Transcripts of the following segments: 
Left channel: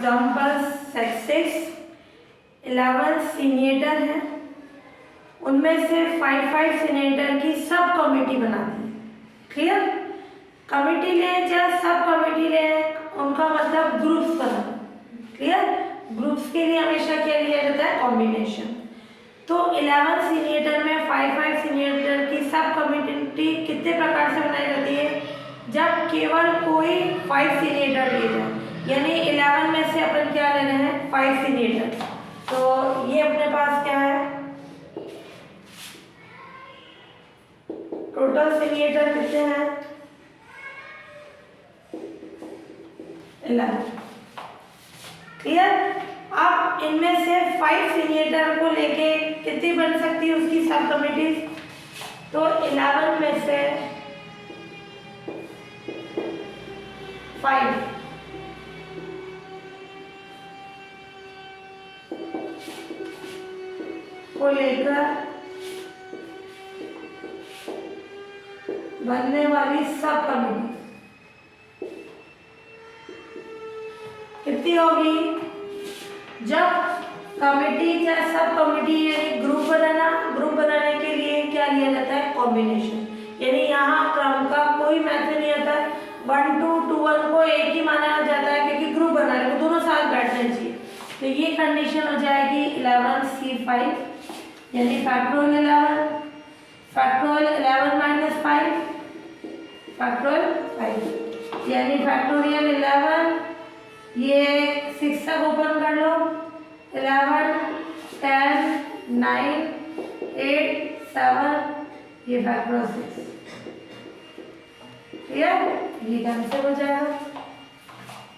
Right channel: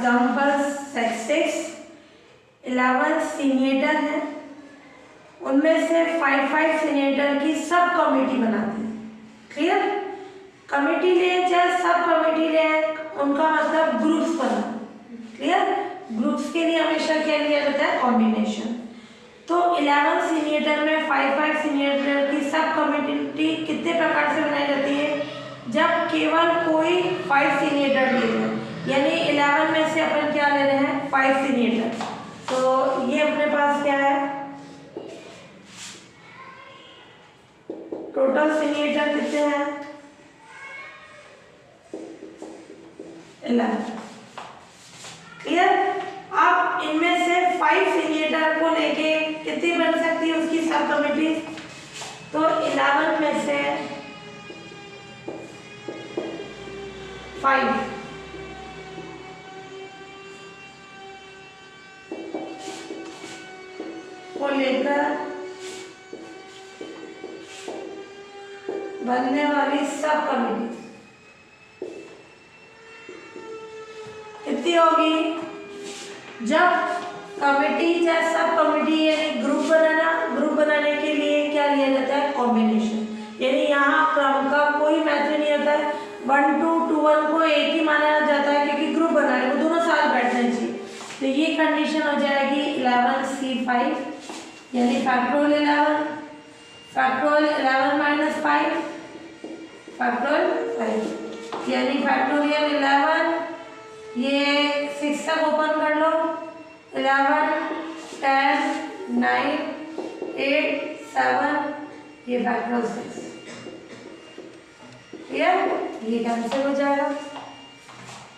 Examples statistics 11 senior हैं, उनमें से 5 सीनियर की सब कमेटी बनाती है। क्लियर? कमेटी ले या सब कमेटी ले, उनका मतलब ग्रुप्स बना। क्लियर? ग्रुप्स के लिए हमेशा क्या लिया जाता है? कॉम्बिनेशन। तो 11 सीनियर में 5 सीनियर की सब कमेटी कितने प्रकार से बनाई जाती है? जब केवल कोई 5 सीनियर लिए जाए, यानी 11 में से अपन क्या ले रहे हैं? 5 सीनियर। तो ये अपने पास क्या है? टोटल सीनियर कितने हैं? 11। क्लियर? अब इनमें से 5 सीनियर को लेके कितनी बन सकती है उसकी सब कमेटी? तो 11 में से 5 को लेकर बनने वाली सब कमेटी कितनी होगी? जब कमेटी या सब कमेटी यानी ग्रुप बनाने के लिए क्या लिया जाता है? कॉम्बिनेशन। यानी यहाँ क्रम का कोई महत्व नहीं होता है। 1 to 21 को एक ही माना जाता है क्योंकि ग्रुप बना है, वो दोनों साथ बैठने चाहिए। तो ये कंडीशन हो जाएगी 11C5 यानी फैक्टोरियल 11 माइनस 5 यानी फैक्टोरियल 11। ये 6 तक ओपन कर लो। 11 10 9 8 7 ये फैक्टोरियल 6। क्लियर? ये कैंसिल हो जाएगा।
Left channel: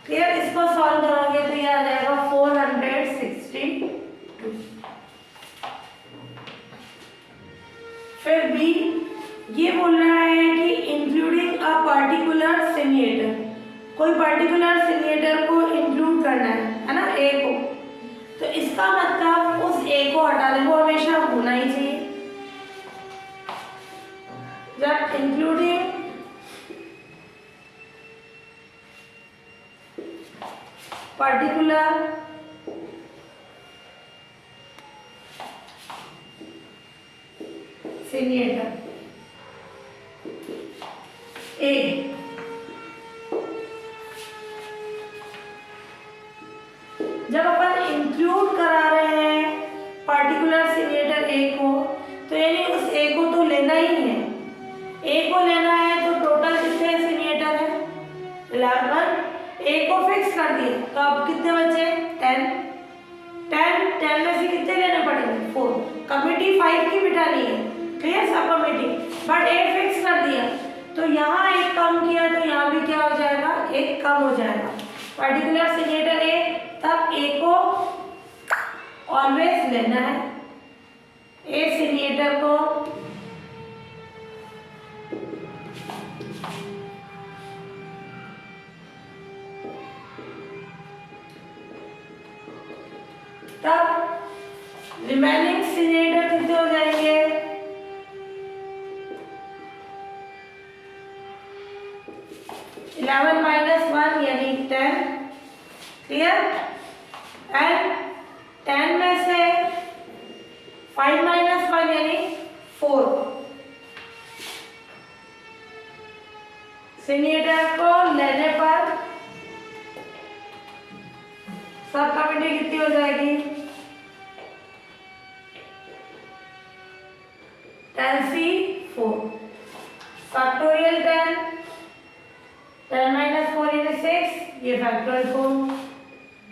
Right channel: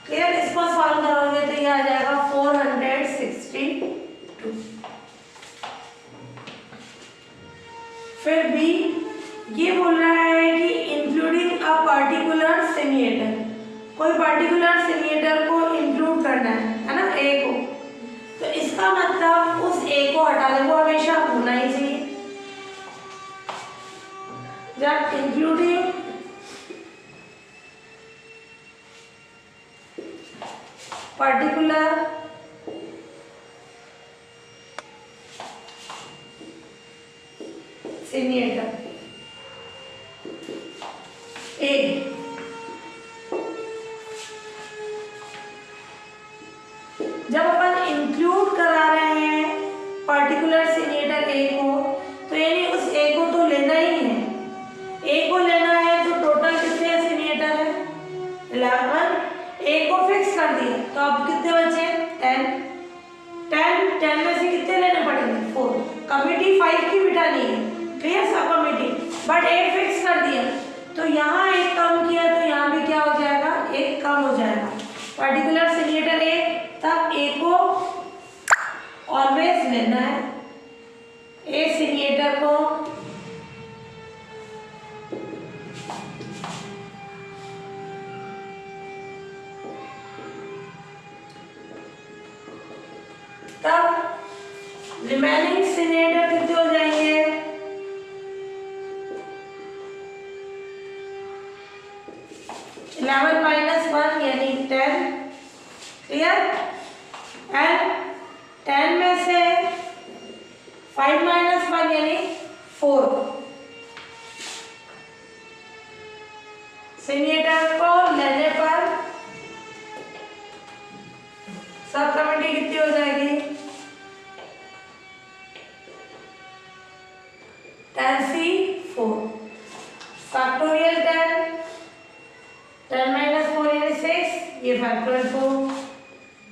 क्लियर? इसको सॉल्व करोगे तो ये आ जाएगा 462। फिर बी ये बोल रहा है कि इंक्लूडिंग अ पार्टिकुलर सीनियर, कोई पार्टिकुलर सीनियर को इंक्लूड करना है ना, ए को। तो इसका मतलब उस ए को हटा दे, वो हमेशा होना ही चाहिए। जब इंक्लूडिंग पार्टिकुलर सीनियर ए, जब अपन इंक्लूड करा रहे हैं पार्टिकुलर सीनियर ए को, तो यानी उस ए को तो लेना ही है। ए को लेना है तो टोटल कितने सीनियर है? 11। ए को फिक्स कर दिया तो अब कितने बचे? 10 में से कितने लेने पड़ेंगे? 4। कमेटी 5 की बिठानी है। Clear? Sub committee, but a fix कर दिया तो यहाँ एक कम किया तो यहाँ भी क्या हो जाएगा? एक कम हो जाएगा। पार्टिकुलर सीनियर ए, तब ए को ऑलवेज लेना है। ए सीनियर को तब रिमेनिंग सीनियर कितने हो जाएंगे? 11 माइनस 1 यानी 10। क्लियर? एंड 10 में से 5 माइनस 1 यानी 4। सीनियर को लेने पर सब कमेटी कितनी हो जाएगी? 10C4 फैक्टोरियल 10 माइनस 4 यानी 6, ये फैक्टोरियल 4।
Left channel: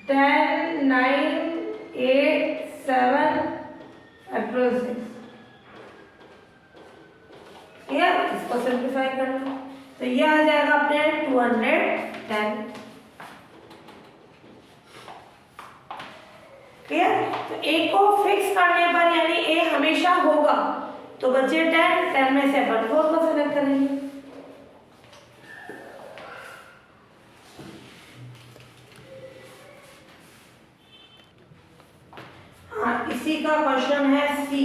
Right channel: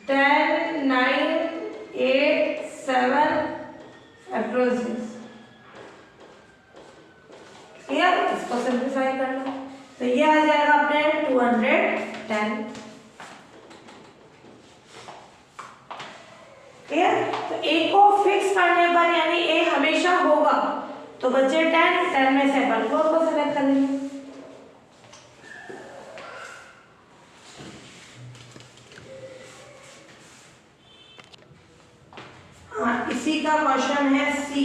10 9 8 7 फैक्टोरियल 6। क्लियर? इसको सिंप्लीफाई करना तो ये आ जाएगा अपने 210। क्लियर? तो ए को फिक्स करने पर यानी ए हमेशा होगा तो बचे 10 में से अपन 4 को सेलेक्ट कर लेंगे। हाँ, इसी का क्वेश्चन है सी।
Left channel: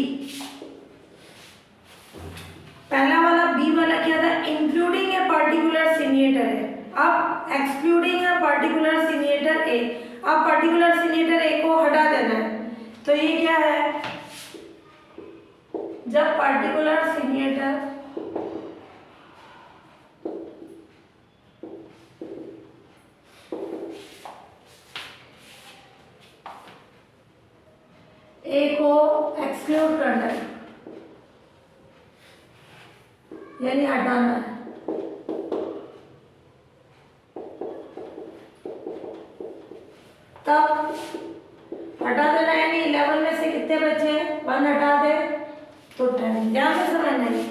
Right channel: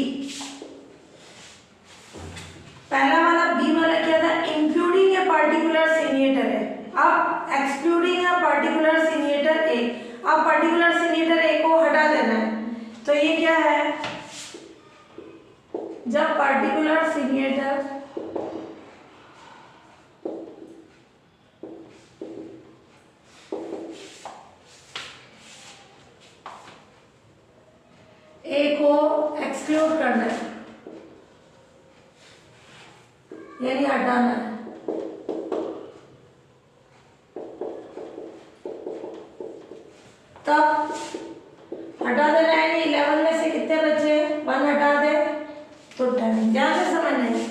पहला वाला बी वाला क्या था? इंक्लूडिंग ए पर्टिकुलर सीनियर है। अब एक्सक्लूडिंग ए पर्टिकुलर सीनियर ए। अब पार्टिकुलर सीनियर ए को हटा देना है, तो ये क्या है, जब पार्टिकुलर सीनियर ए को एक्सक्लूड करना है, यानी हटाना है, तब हटा देना है, यानी 11 में से कितने बचे, 1 हटा दे तो 10। ध्यान से समझना है,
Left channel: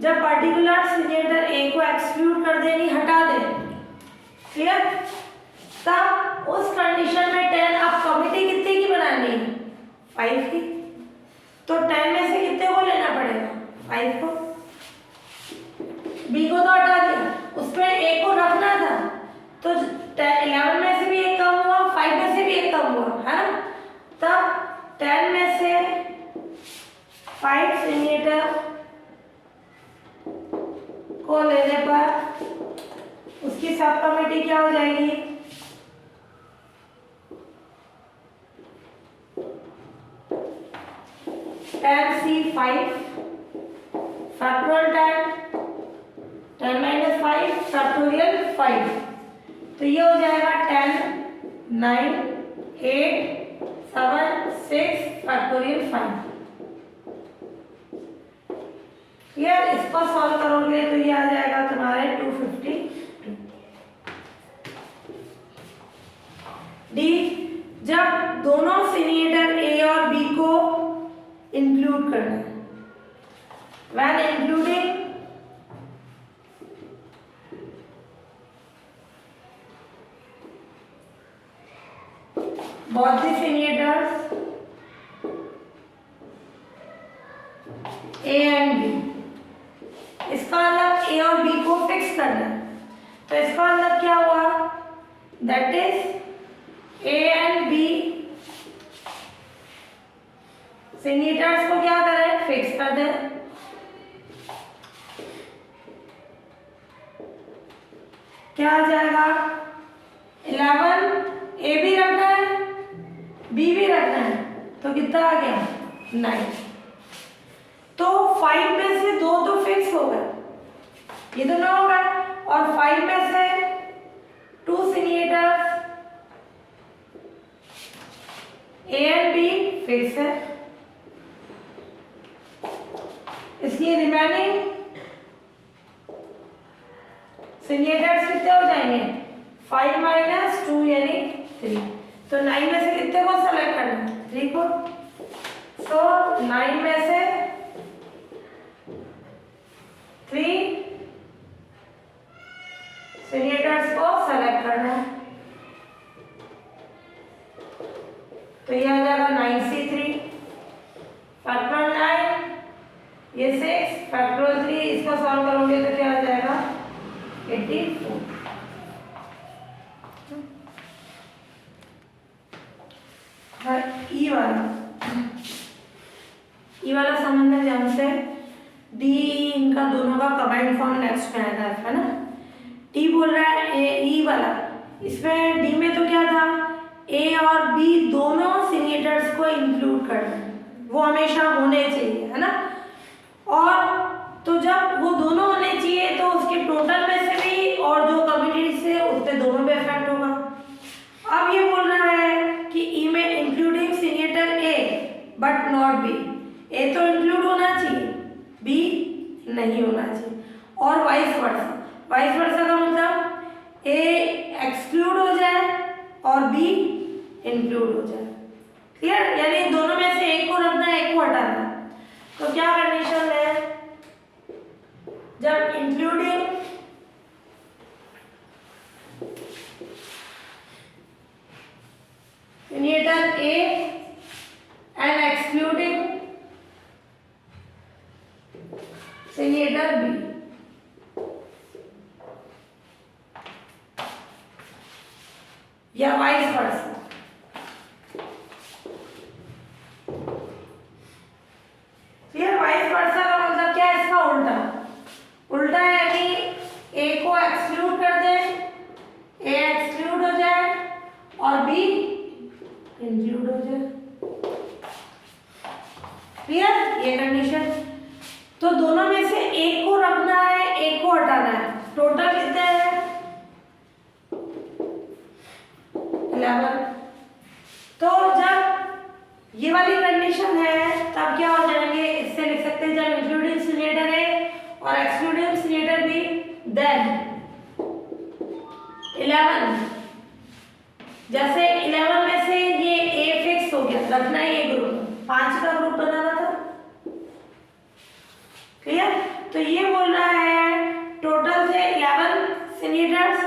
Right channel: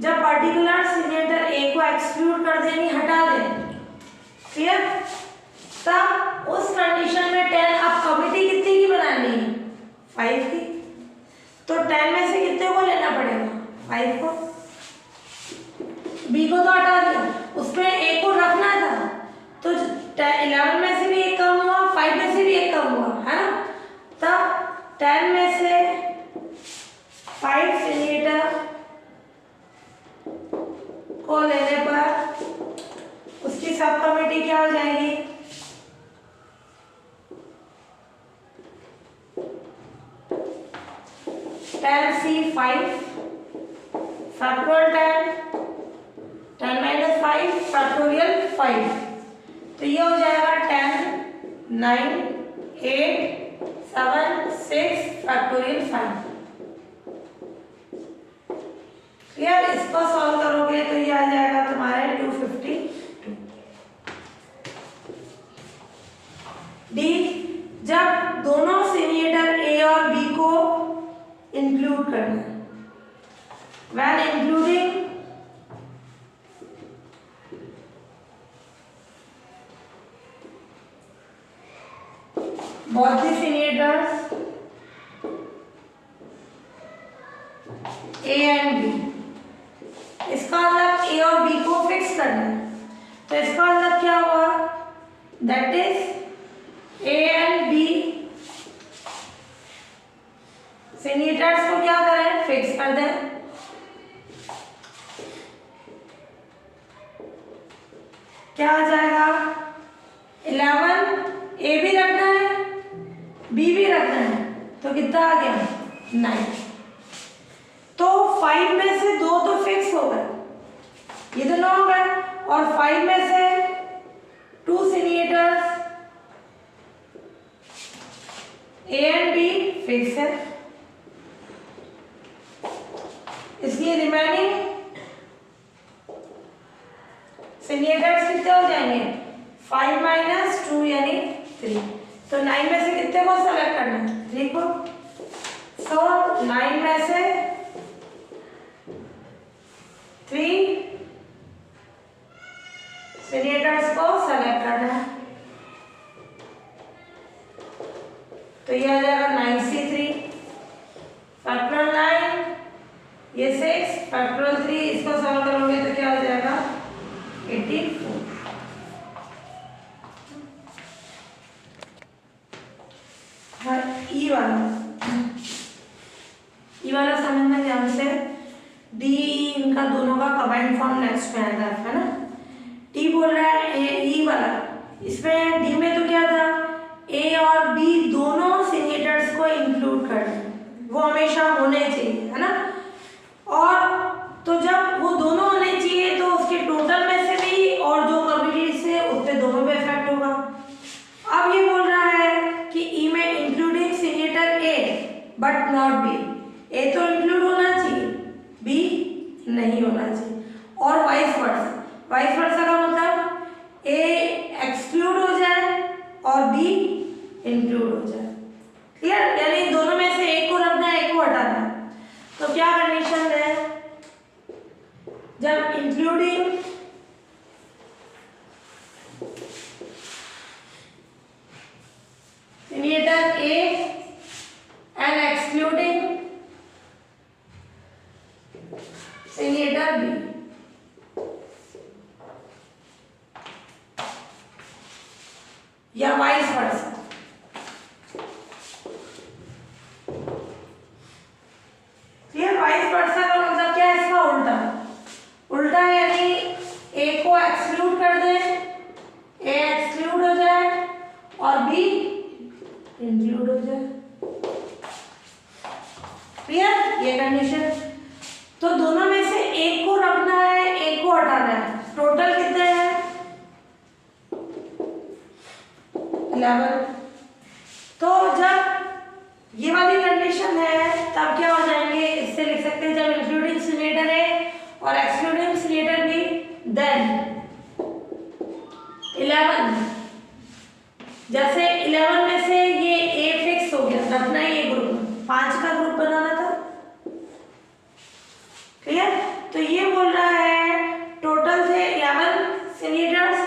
जब पार्टिकुलर सीनियर ए को एक्सक्लूड कर दे, यानी हटा दे, क्लियर, तब उस कंडीशन में 10, अब कमिटी कितने की बनानी है, 5 की, तो 10 में से कितने को लेना पड़ेगा, 5 को, बी को तो हटा दिया, उसमें ए को रखना था, तो 11 में से भी एक कम हुआ, 5 में से भी एक कम हुआ, है ना, तब 10 में से 5 सीनियर को लेने पर उसकी सब कमिटी क्या हो जाएगी, 10C5 फैक्टोरियल 10 - 5 फैक्टोरियल 5, तो ये हो जाएगा 10 9 8 7 6 फैक्टोरियल 5। यार इसको सॉल्व करोगे तो ये आ जाएगा तुम्हारे 252। डी, जब दोनों सीनियर ए और बी को इंक्लूड करना है, when including both the senators A and B, इसका मतलब A और B को फिक्स करना है, तो इसका मतलब क्या हुआ, that is A and B senators को क्या करें, फिक्स कर दें, क्या आ जाएगा, 11 ए भी रखना है, बी भी रखना है, तो कितना आ गया, 9। तो 5 में से 2 तो फिक्स हो गए, ये तो 9 हो गए, और 5 में से 2 seniors A and B fix है, इसलिए रिमेनिंग सीनियर्स कितने हो जाएंगे, 5 - 2 यानी 3, तो 9 में से कितने को सेलेक्ट करना है, 3 को, सो 9 में से 3 सीनियर्स को सेलेक्ट करना है, तो ये आ जाएगा 9C3 फैक्टोरियल 9, ये 6 फैक्टोरियल 3, इसका सॉल्व करोगे तो क्या हो जाएगा, 84। हाँ, ई वाला समझना ध्यान से, डी इनका दोनों का कंबाइंड फॉर्म नेक्स्ट में आएगा, है ना। टी बोल रहा है ई वाला, इसमें डी में तो क्या था, ए और बी दोनों सीनियर्स को इंक्लूड करना, वो हमेशा होने चाहिए, है ना, और तो जब वो दोनों होने चाहिए तो उसके टोटल में से भी और जो कम्युनिटी से उसके दोनों में इफेक्ट होगा। अब ये बोल रहा है कि ई में including senior A but not B, A तो इंक्लूड होना चाहिए, बी नहीं होना चाहिए, और वाइस वर्सा का मतलब ए एक्सक्लूड हो जाए और बी इंक्लूड हो जाए, क्लियर, यानी दोनों में से एक को रखना है, एक को हटाना है, तो क्या कंडीशन है, जब including senior A and excluding senior B, या वाइस वर्सा, ये वाइस वर्सा का मतलब क्या है, इसका उल्टा यानी ए को एक्सक्लूड कर दे, ए एक्सक्लूड हो जाए और बी हो जाए। क्लियर? ये कंडीशन। तो दोनों में से एक को रखना है, एक को हटाना है। टोटल कितने हैं? 11। तो जब ये वाली कंडीशन है तब क्या हो जाएंगे, इससे लिख सकते हैं जब इंक्लूडिंग सिलेंडर ए और एक्सक्लूडिंग सिलेंडर बी, देन 11। जैसे 11 में से ये ए फिक्स हो गया, रखना है ये ग्रुप, 5 का ग्रुप बनाना था। क्लियर? तो ये बोल रहा है टोटल थे 11 सिलेंडर्स,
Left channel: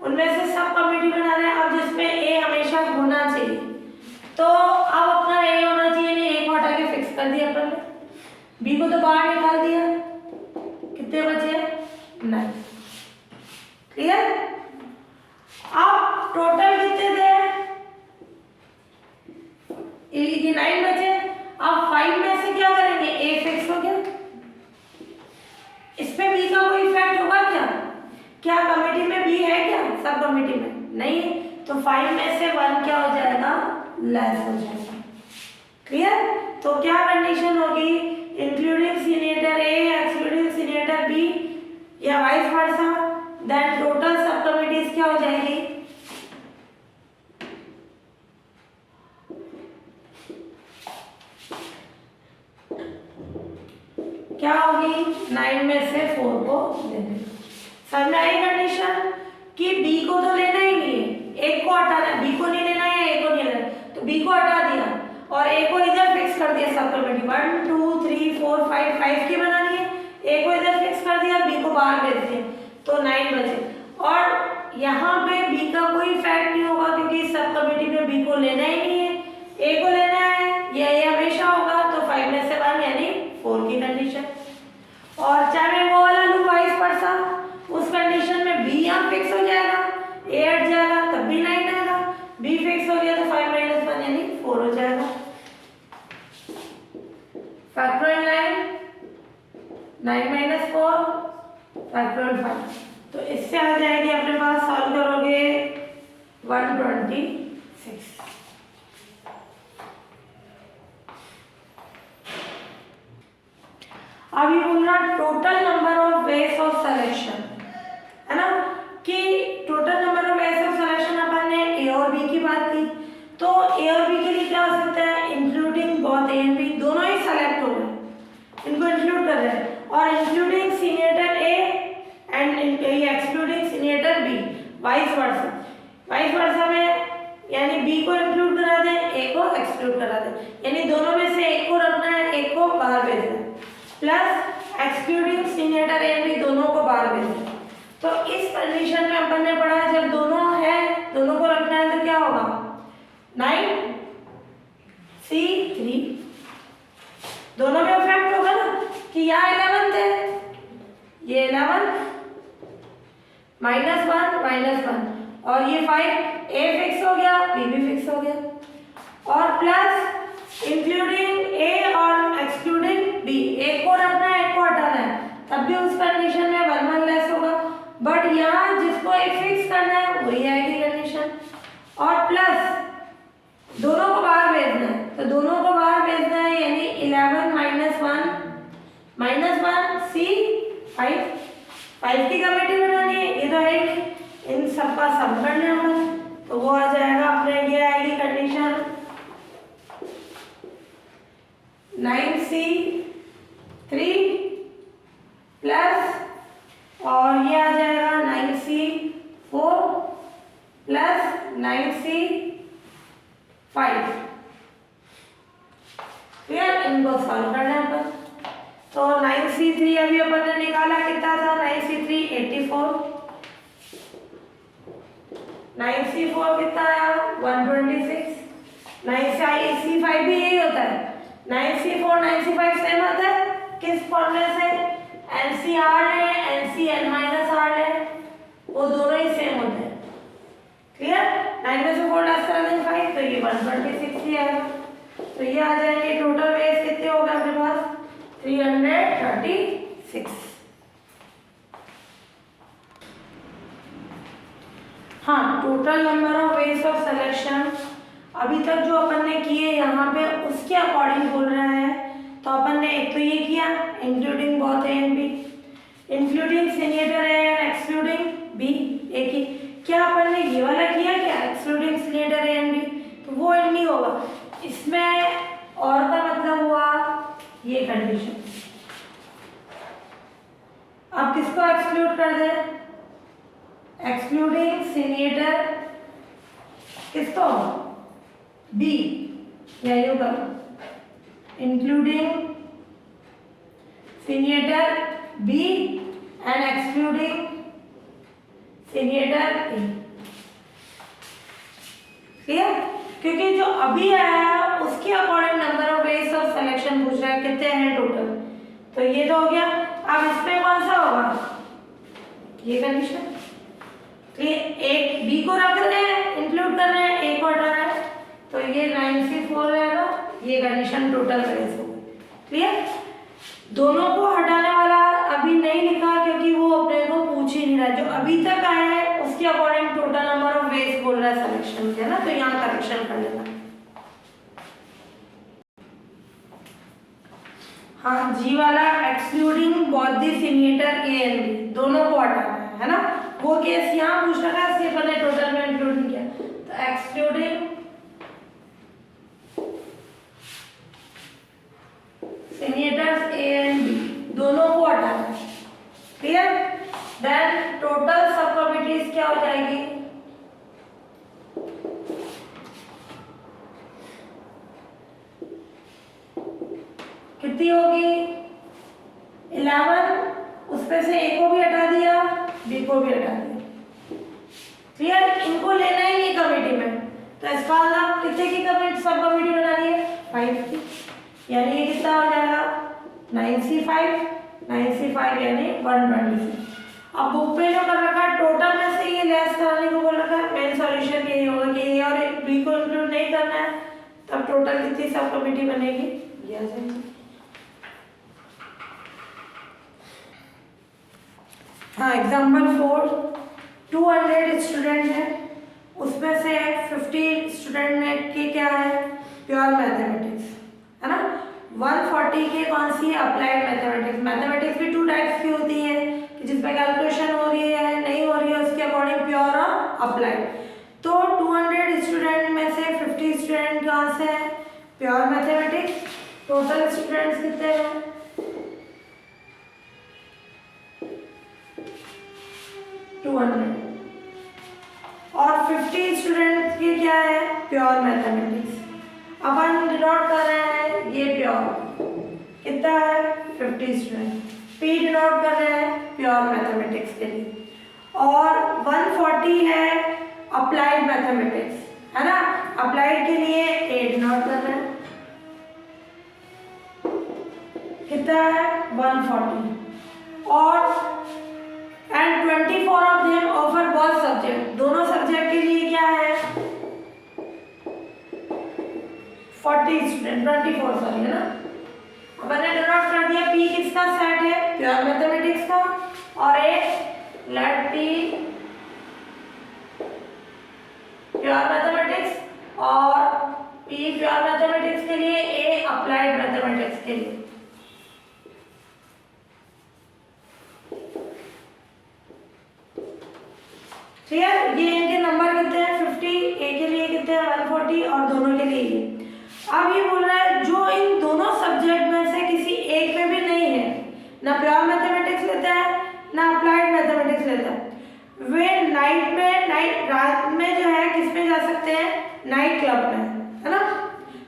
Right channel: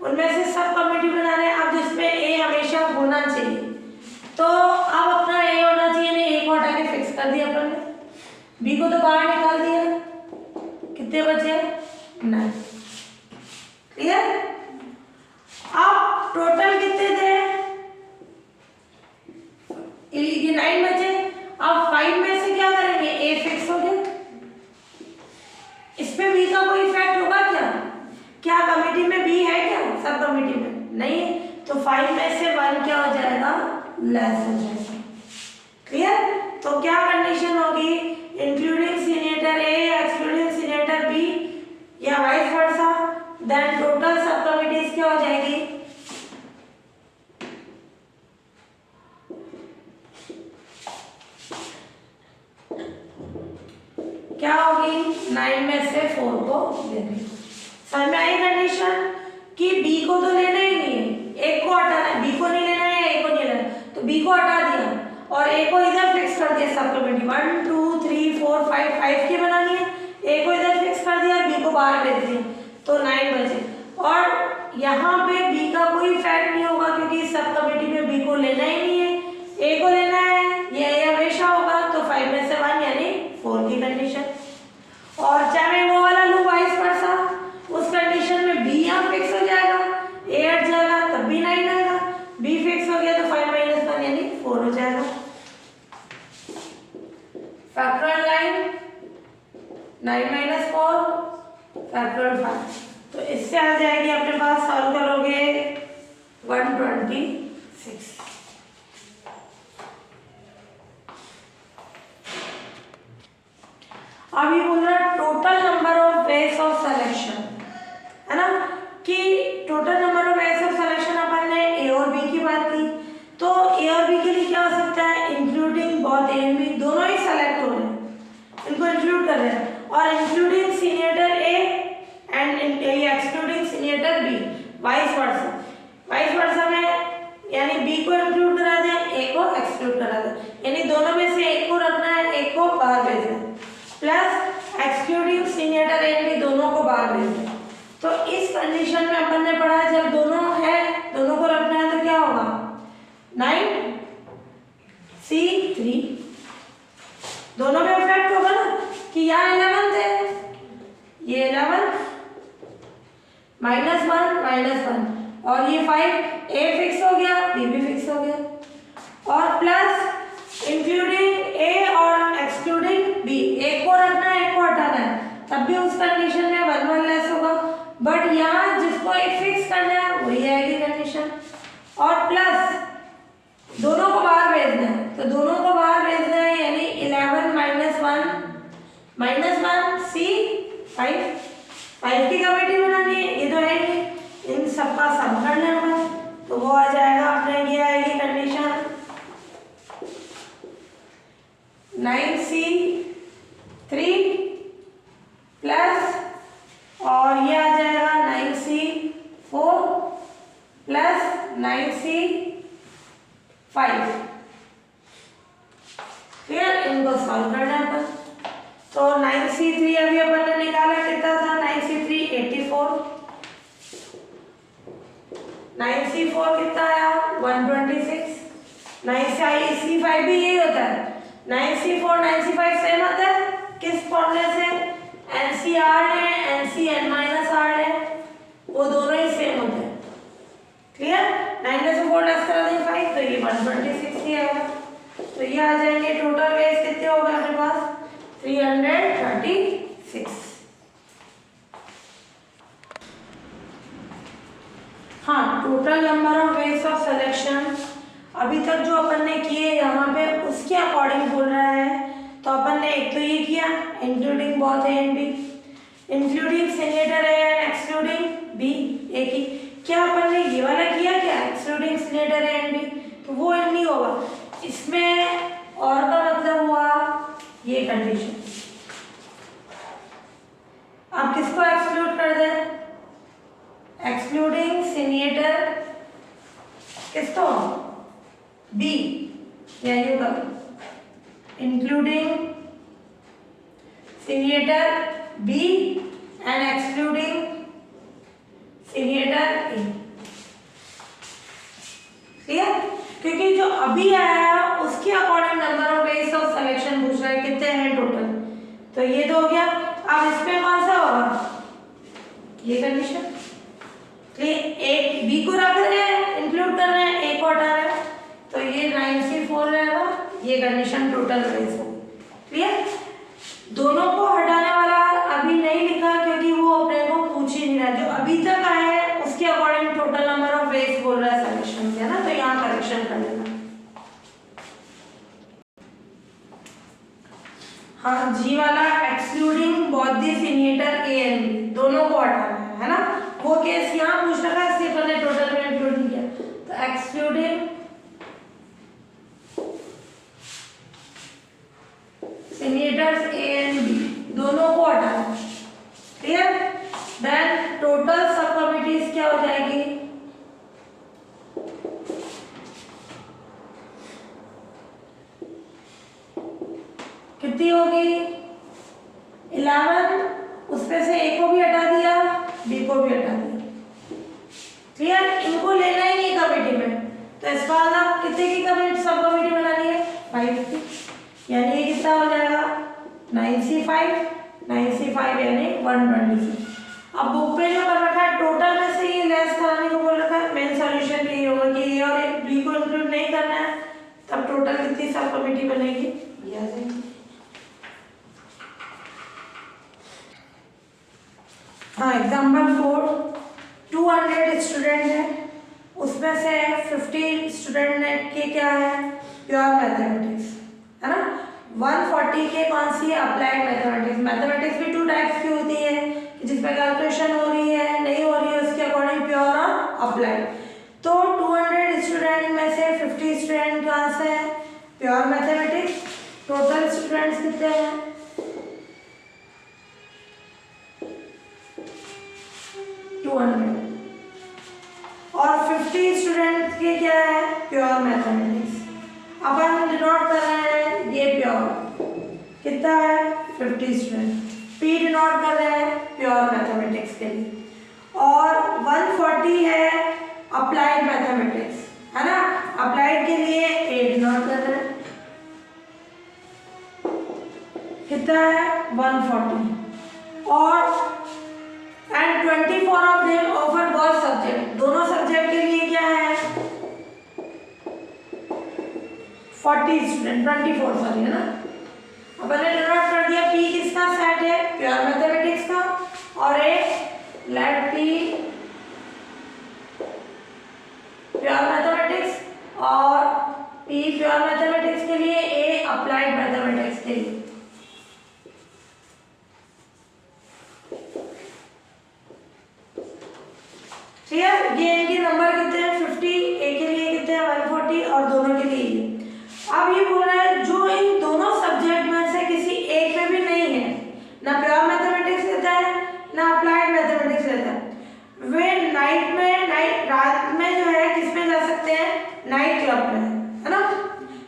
उनमें से सब कमिटी बना रहे हैं। अब जिसमें ए हमेशा होना चाहिए, तो अब अपना ए होना चाहिए, नहीं ए को हटा के फिक्स कर दिया अपन ने, बी को तो बाहर निकाल दिया। कितने बचे? 9। क्लियर? अब टोटल कितने थे? ये 9 बचे। अब 5 में से क्या करेंगे, ए फिक्स हो गया, इसमें बी का कोई इफेक्ट होगा क्या? क्या कमेटी में बी है क्या? सब कमेटी में नहीं है, तो 5 में से 1 क्या हो जाएगा, लेस हो जाएगा। क्लियर? तो क्या कंडीशन होगी, इंक्लूडिंग सिलेंडर ए एक्सक्लूडिंग सिलेंडर बी या वाइस वर्सा, देन टोटल सब कमिटीज क्या हो जाएगी, क्या होगी, 9 में से 4 को लेंगे। समझ में आई कंडीशन कि बी को तो लेना ही नहीं है, एक को हटाना है, बी को नहीं लेना है, ए को नहीं लेना, तो बी को हटा दिया और ए को इधर फिक्स कर दिया। सब कमिटी 1 2 3 4 5 की बनानी है, ए को इधर फिक्स कर दिया, बी को बाहर भेज दिया, तो 9 बचे। और यहाँ पे बी का कोई इफेक्ट नहीं होगा क्योंकि सब कमिटी में बी को लेना ही नहीं है, ए को लेना है, ये हमेशा होगा, तो 5 में से 1 यानी 4 की कंडीशन। और चाहे मैं वो वाला लूँ वाइस वर्सा, उस कंडीशन में बी यहाँ फिक्स हो जाएगा, ए हट जाएगा तब भी 9 आएगा, बी फिक्स हो गया तो 5 - 1 यानी 4 हो जाएगा। फैक्टोरियल 9 - 4 फैक्टोरियल 5, तो इससे आ जाएगी अपने पास, सॉल्व करोगे 126। अब ये बोल रहा total number of ways of selection, है ना, कि total number of ways of selection अपन ने ए और बी की बात की, तो ए और बी के लिए क्या हो सकता है, including both A and B, दोनों ही सेलेक्ट हो रहे हैं, इनको इंक्लूड कर रहे हैं, और including cylinder A and excluding cylinder B, vice versa. Vice versa में यानी बी को इंक्लूड करा दें, ए को एक्सक्लूड करा दें, यानी दोनों में से एक को रखना है, एक को बाहर भेजना है, प्लस एक्सक्लूडिंग सिलेंडर ए भी दोनों को बाहर भेजना है। तो इस कंडीशन में अपन ने पढ़ा है जब दोनों है, दोनों को रखना है तो क्या होगा, 9C3, दोनों में इफेक्ट होगा ना, कि यहाँ 11 थे, ये 11 -1 और ये 5, ए फिक्स हो गया, बी भी फिक्स हो गया, और प्लस इंक्लूडिंग ए और एक्सक्लूडिंग बी, एक को रखना है, एक को हटाना है, तब भी उस कंडीशन में 1 लेस होगा, बट यहाँ जिसको एक फिक्स करना है वही आएगी कंडीशन, और प्लस दोनों को बाहर भेजना है, तो दोनों को बाहर भेजना है, यानी 11 - 1 C 5 की कमेटी बनानी है, ये तो है कि इन सबका सम कर लेना, तो वो आ जाएगा अपने, ये आएगी कंडीशन 9C3 प्लस, और ये आ जाएगा 9C4 प्लस 9C5। फिर इनको सॉल्व करना है, तो 9C3 अभी अपन ने निकाला, कितना था, 9C3 84, 9C4 कितना आया, 126, 9C5 भी यही होता है, 9C4 9C5 सेम आता है, किस फॉर्मूले से, NCR है, NCN-R है, वो दोनों ही सेम होते हैं। क्लियर? 9 में से 4 लेस करा देंगे 5, तो ये 126 ही आएगा, तो ये आ जाएंगे। टोटल वेज कितने हो गए अपने पास, 336। हाँ, total number of ways of selection अभी तक जो अपन ने किए यहाँ पे उसके अकॉर्डिंग बोल रहा है। तो अपन ने एक तो ये किया including both A and B, including signature A and excluding B, एक ही। क्या अपन ने ये वाला किया क्या, excluding signature A and B, तो वो नहीं होगा इसमें। और का मतलब हुआ ये कंडीशन। अब किसको एक्सक्लूड कर दे, एक्सक्लूडिंग सिग्नेचर किसको, बी, या you double including signature B and excluding signature A. Clear, क्योंकि जो अभी आया है उसके according number of ways of selection पूछ रहा है, कितने हैं टोटल, तो ये तो हो गया। अब इसमें कौन सा होगा, ये कंडीशन। एक बी को रख रहे हैं, इंक्लूड कर रहे हैं, ए को हटाना है, तो ये 9C4 रहेगा, ये कंडीशन टोटल वेज होगी। क्लियर, दोनों को हटाने वाला अभी नहीं लिखा क्योंकि वो अपने को पूछ ही नहीं रहा, जो अभी तक आया है उसके according total number of veg बोल रहा है सिलेक्शन के, है ना, तो यहाँ करेक्शन कर लेना। हाँ, जी वाला excluding both the signature A and B, दोनों को हटाना है ना, वो केस यहाँ पूछ रखा है, इसलिए पहले टोटल में इंक्लूड किया, तो excluding signatures A and B, दोनों को हटाना है। क्लियर, देन टोटल सब कमिटीज क्या हो जाएगी, कितनी होगी 11, उसमें से ए को भी हटा दिया, बी को भी हटा दिया। क्लियर, इनको लेना ही नहीं कमेटी में, तो इसका मतलब कितने की कमेटी, सब कमेटी बनानी है 5 की, यानी ये कितना हो जाएगा 9C5 यानी 120। अब बुक पे जो कर रखा है टोटल में से ये लेस कराने को बोल रखा है, मेन सॉल्यूशन यही होगा कि ए और एक बी को इंक्लूड नहीं करना है, तब टोटल कितनी सब कमेटी बनेगी, ये आ जाएगी। हाँ, एग्जाम्पल 4, 200 स्टूडेंट है, उसमें से 50 स्टूडेंट ने के क्या है, प्योर मैथमेटिक्स, है ना, 140 के कौन सी है, अप्लाइड मैथमेटिक्स। मैथमेटिक्स भी 2 टाइप्स की होती है कि जिसमें कैलकुलेशन हो रही है, नहीं हो रही है, उसके अकॉर्डिंग प्योर और अप्लाइड। तो 200 स्टूडेंट में से 50 स्टूडेंट कहाँ से है, प्योर मैथमेटिक्स। टोटल स्टूडेंट्स कितने हैं, 200, और 50 स्टूडेंट्स के क्या है, प्योर मैथमेटिक्स। अपन डिनोट कर रहे हैं ये प्योर, कितना है 50 स्टूडेंट, पी डिनोट कर रहे हैं प्योर मैथमेटिक्स के लिए, और 140 है अप्लाइड मैथमेटिक्स, है ना, अप्लाइड के लिए ए डिनोट कर रहे हैं, कितना है 140, और and 24 of them offer both subject, दोनों सब्जेक्ट के लिए क्या है 40 स्टूडेंट, 24 सॉरी, है ना। अपन ने डिनोट कर दिया पी किसका सेट है, प्योर मैथमेटिक्स का, और एक लेट पी प्योर मैथमेटिक्स और पी प्योर मैथमेटिक्स के लिए, ए अप्लाइड मैथमेटिक्स के लिए। क्लियर, ये इनके नंबर कितने हैं 50, ए के लिए कितने हैं 140, और दोनों के लिए ये। अब ये बोल रहा है जो इन दोनों सब्जेक्ट में से किसी एक में भी नहीं है, ना प्योर मैथमेटिक्स लेता है ना अप्लाइड मैथमेटिक्स लेता है, वे रात में जो है किस में जा सकते हैं, नाइट क्लब में, है ना।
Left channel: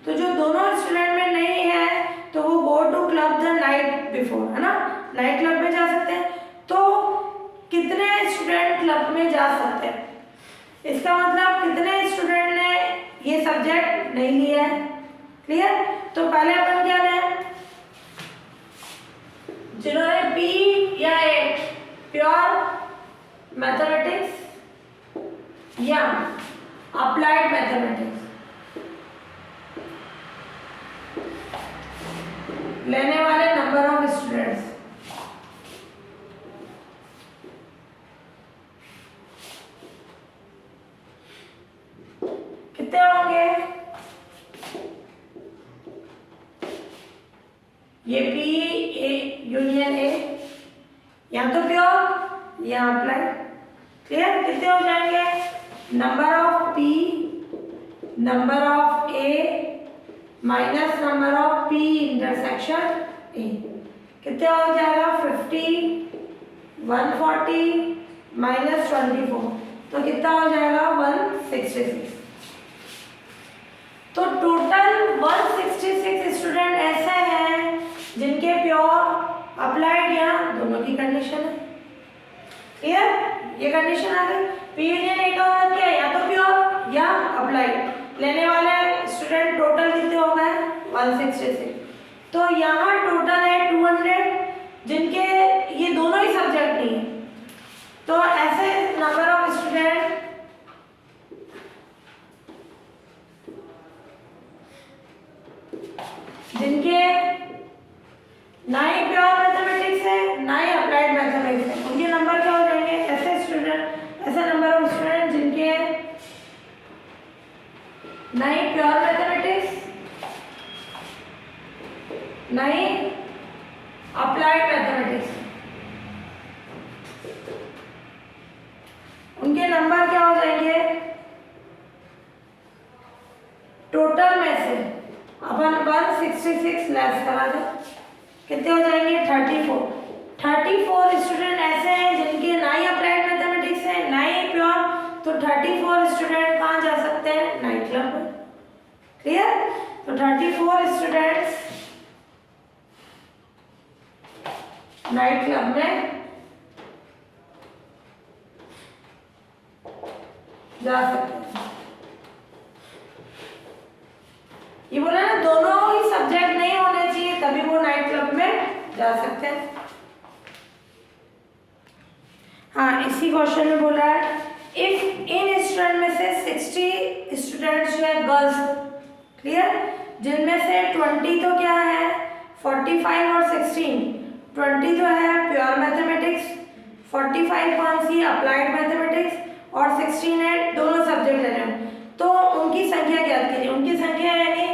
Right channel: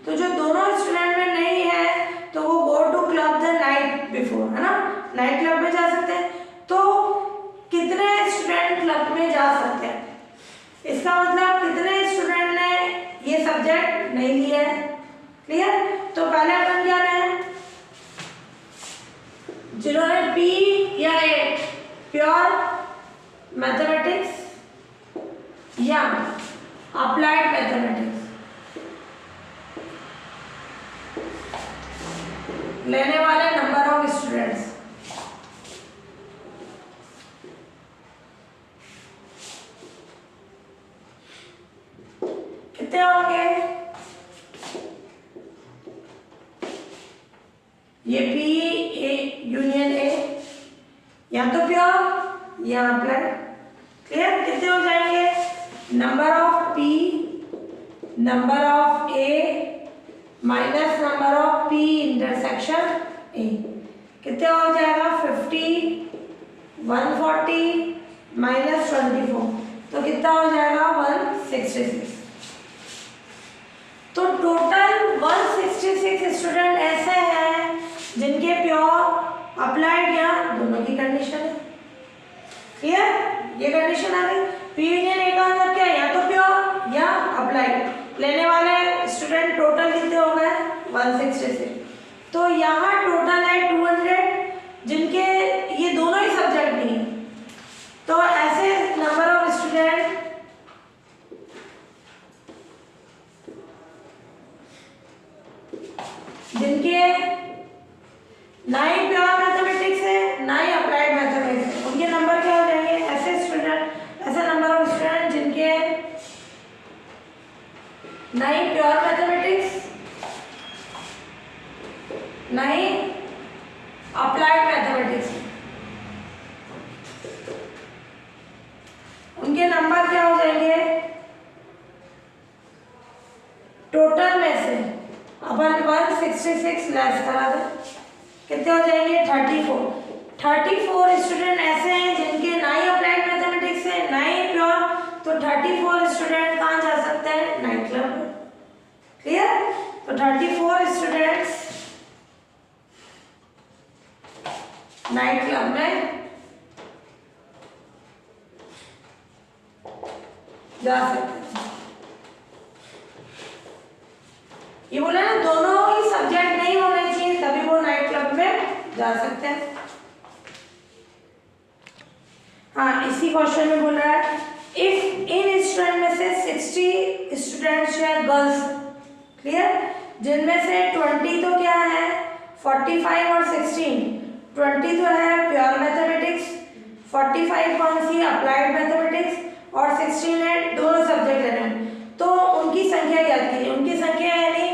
तो जो दोनों स्टूडेंट में नहीं है तो वो go to club the night before, है ना, नाइट क्लब में जा सकते हैं। तो कितने स्टूडेंट क्लब में जा सकते हैं, इसका मतलब कितने स्टूडेंट ने ये सब्जेक्ट नहीं लिया है। क्लियर, तो पहले अपन क्या लें, जिन्होंने बी या ए प्योर मैथमेटिक्स या अप्लाइड मैथमेटिक्स लेने वाले नंबर ऑफ स्टूडेंट्स, कितने होंगे ये पी ए यूनियन ए, यहाँ तो प्योर, यहाँ अप्लाई। क्लियर? कितने हो जाएंगे? Number of P, number of A minus number of P intersection ए, कितने हो जाएगा? 50, 140 माइनस 24, तो कितना हो जाएगा? 166। तो टोटल 166 स्टूडेंट ऐसे हैं जिनके प्योर, अप्लाइड या दोनों की कंडीशन है। क्लियर? ये कंडीशन आ गई। पी यूनियन ए का मतलब क्या है? या तो प्योर या अप्लाइड। लेने वाले स्टूडेंट टोटल कितने हो गए? 166। तो यहाँ टोटल है 200 जिनके ये दोनों ही सब्जेक्ट नहीं है। तो ऐसे नंबर ऑफ स्टूडेंट जिनके ना ही प्योर मैथमेटिक्स है ना ही अप्लाइड मैथमेटिक्स है, उनके नंबर क्या हो जाएंगे? ऐसे स्टूडेंट, ऐसा नंबर ऑफ स्टूडेंट जिनके ना ही प्योर मैथमेटिक्स ना ही अप्लाइड मैथमेटिक्स, उनके नंबर क्या हो जाएंगे? टोटल में से अपन 166 लेस करा दें, कितने हो जाएंगे? 34। 34 स्टूडेंट ऐसे हैं जिनके ना ही अप्लाइड मैथमेटिक्स है ना ही प्योर, तो 34 स्टूडेंट कहाँ जा सकते हैं? नाइट क्लब में। क्लियर? तो 34 स्टूडेंट्स नाइट क्लब में जा सकते हैं। ये बोला ना, दोनों ही सब्जेक्ट नहीं होने चाहिए तभी वो नाइट क्लब में जा सकते हैं। हाँ, इसी क्वेश्चन में बोला है इफ इन स्टूडेंट में से 60 स्टूडेंट्स हैं गर्ल्स, क्लियर, जिनमें से 20 तो क्या है? 45 और 16, 20 तो है प्योर मैथमेटिक्स, 45 कौन सी? अप्लाइड मैथमेटिक्स, और 16 है दोनों सब्जेक्ट ले रहे हैं। तो उनकी संख्या ज्ञात कीजिए। उनकी संख्या यानी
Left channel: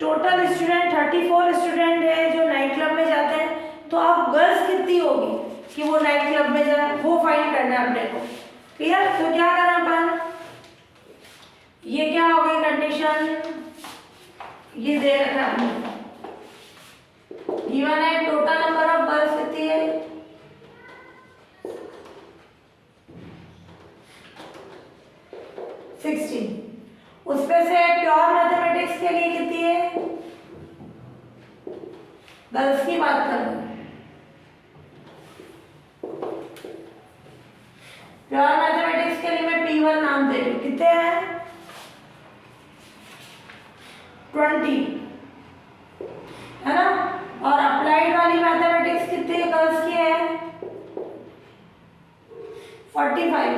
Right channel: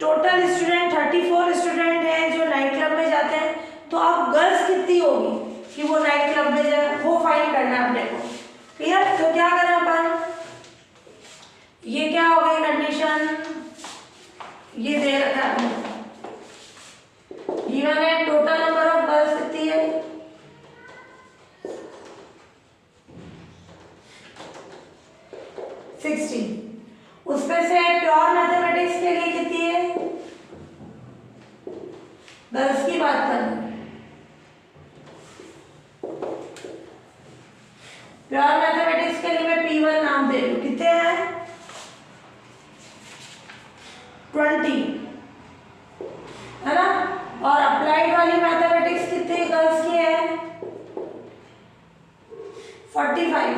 टोटल स्टूडेंट 34 स्टूडेंट है जो नाइट क्लब में जाते हैं, तो अब गर्ल्स कितनी होगी कि वो नाइट क्लब में जाए, वो फाइंड करना है अपने को। क्लियर? तो क्या करना अपन? ये क्या हो गई कंडीशन? ये दे रखा है आपने, गिवन है टोटल नंबर ऑफ गर्ल्स कितनी है? 60। उसमें से प्योर मैथमेटिक्स के लिए कितनी है? गर्ल्स की बात कर रहे हैं। प्योर मैथमेटिक्स के लिए मैं P1 नाम दे दूं, कितने हैं? 20, है ना? और अप्लाइड वाली मैथमेटिक्स कितनी गर्ल्स की है? 45।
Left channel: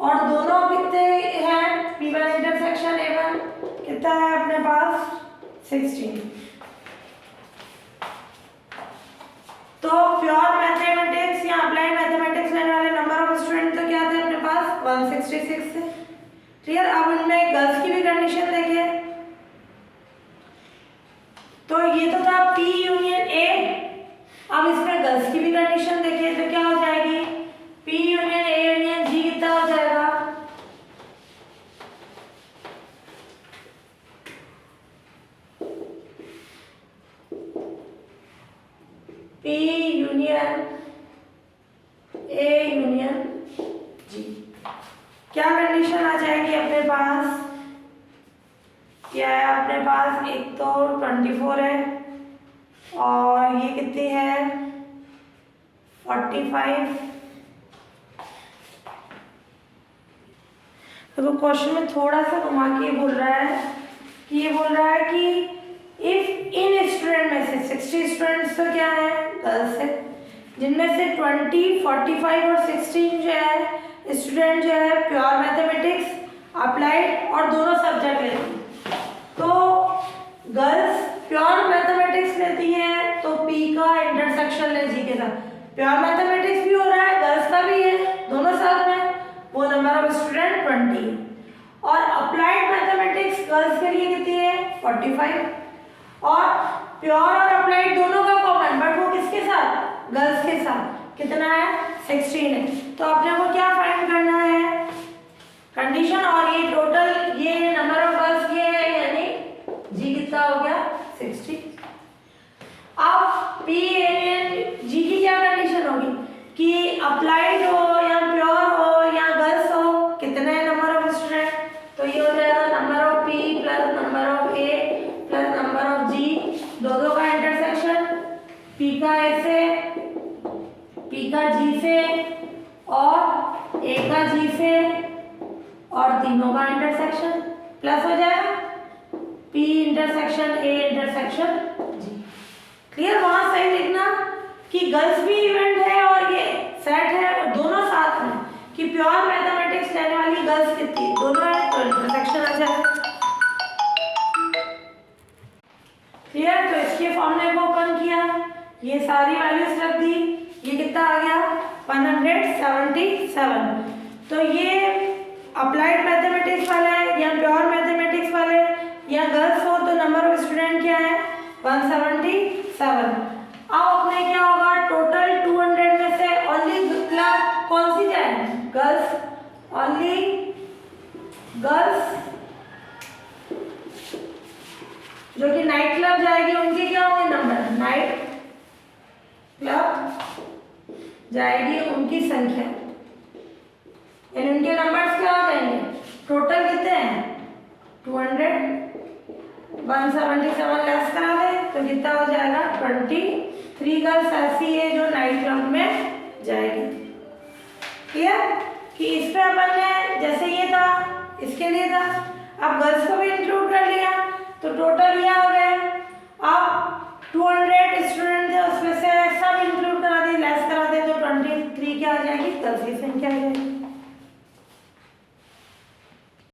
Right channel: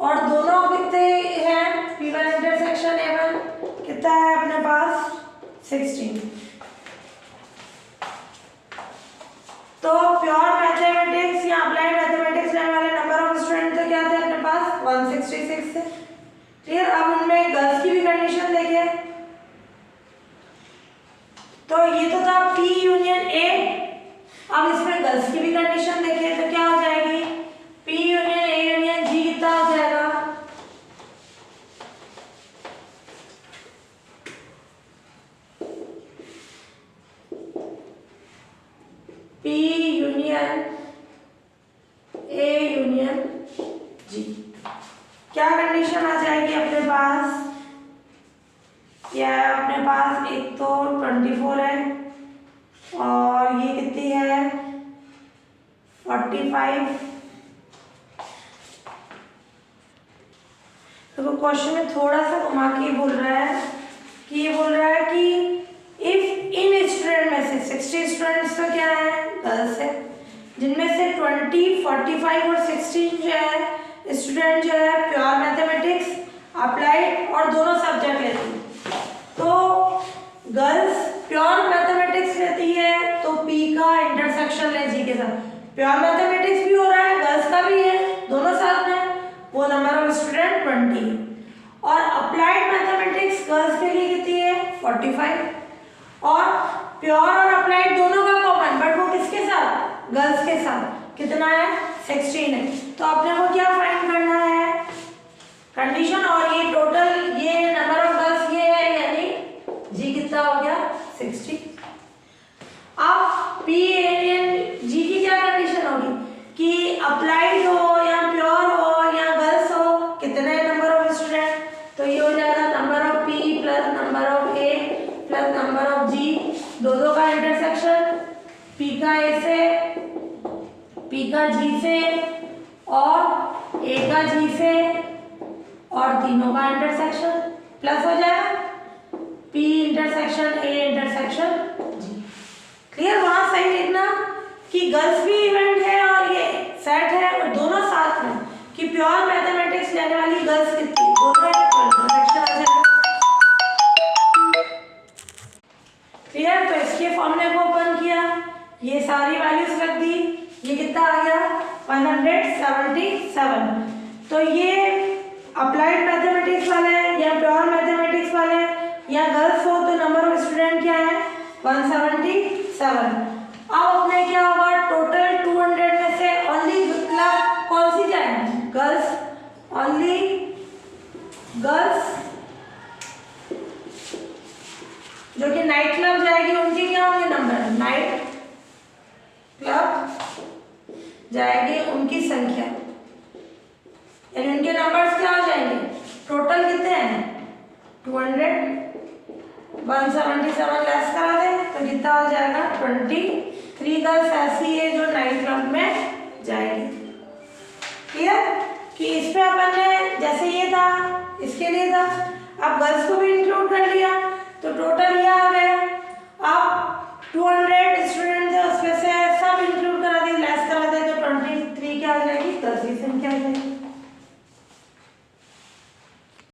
और दोनों कितने हैं? P1 इंटरसेक्शन A1 कितना है अपने पास? 16। तो प्योर मैथमेटिक्स या अप्लाइड मैथमेटिक्स लेने वाले नंबर ऑफ स्टूडेंट तो क्या थे अपने पास? 166 थे। क्लियर? अब उनमें गर्ल्स की भी कंडीशन देखिए। तो ये तो था P यूनियन A, अब इसमें गर्ल्स की भी कंडीशन देखिए तो क्या हो जाएगी? P union A union G कितना हो जाएगा? P union A union G, क्या कंडीशन आ जाएगी अपने पास? क्या है अपने पास? एक तो 24 है और ये कितनी है? 45। तो क्वेश्चन में थोड़ा सा घुमा के बोल रहा है कि ये बोल रहा है कि इफ इन स्टूडेंट में से 60 स्टूडेंट्स तो क्या है? गर्ल्स है, जिनमें से 20, 45 और 16 जो है स्टूडेंट जो है प्योर मैथमेटिक्स, अप्लाइड और दोनों सब्जेक्ट लेते हैं। तो गर्ल्स प्योर मैथमेटिक्स लेती है तो P का इंटरसेक्शन ले G के साथ, प्योर मैथमेटिक्स भी हो रहा है गर्ल्स का भी है, दोनों साथ में, वो नंबर ऑफ स्टूडेंट 20 है। और अप्लाइड मैथमेटिक्स गर्ल्स के लिए कितनी है? 45। और प्योर और अप्लाइड दोनों का कॉमन, बट वो किसके साथ, गर्ल्स के साथ। कितना है, 16 है। तो आपने को क्या फाइंड करना है, कंडीशन, और ये टोटल ये नंबर ऑफ गर्ल्स ये है, यानी जी कितना हो गया, 60। अब पी एन जी की क्या कंडीशन होगी कि अप्लाइड हो या प्योर हो या गर्ल्स हो, कितने नंबर ऑफ स्टूडेंट, तो ये हो जाएगा number of P plus number of A plus number of G, दो का इंटरसेक्शन, पी का ए से, पी का जी से और ए का जी से और तीनों का इंटरसेक्शन प्लस हो जाएगा P intersection A intersection G. Clear, वहां सही लिखना कि गर्ल्स भी इवेंट है और ये सेट है और दोनों साथ में, कि प्योर मैथमेटिक्स लेने वाली गर्ल्स कितनी, दोनों है तो इंटरसेक्शन आ जाएगा। क्लियर, तो इसके फॉर्मूले को ओपन किया, ये सारी वैल्यूज रख दी, ये कितना आ गया 177। तो ये अप्लाइड मैथमेटिक्स वाले या प्योर मैथमेटिक्स वाले या गर्ल्स हो तो नंबर ऑफ स्टूडेंट क्या है 177। अब अपने क्या होगा, टोटल 200 में से ओनली मतलब कौन सी जाएगी, गर्ल्स, ओनली गर्ल्स जो कि नाइट क्लब जाएगी उनके क्या होंगे नंबर, नाइट क्लब जाएगी उनकी संख्या, यानी उनके नंबर्स क्या हो जाएंगे, टोटल कितने हैं 200, 177 लेस करा दे तो कितना हो जाएगा 23 गर्ल्स ऐसी है जो नाइट क्लब में जाएगी। क्लियर, कि इस पे अपन ने जैसे ये था इसके लिए था, अब गर्ल्स को भी इंक्लूड कर लिया तो टोटल ये आ गया। अब 200 स्टूडेंट थे उसमें से सब इंक्लूड करा दे, लेस करा दे तो 23 क्या आ जाएगी, 10 की संख्या आ जाएगी।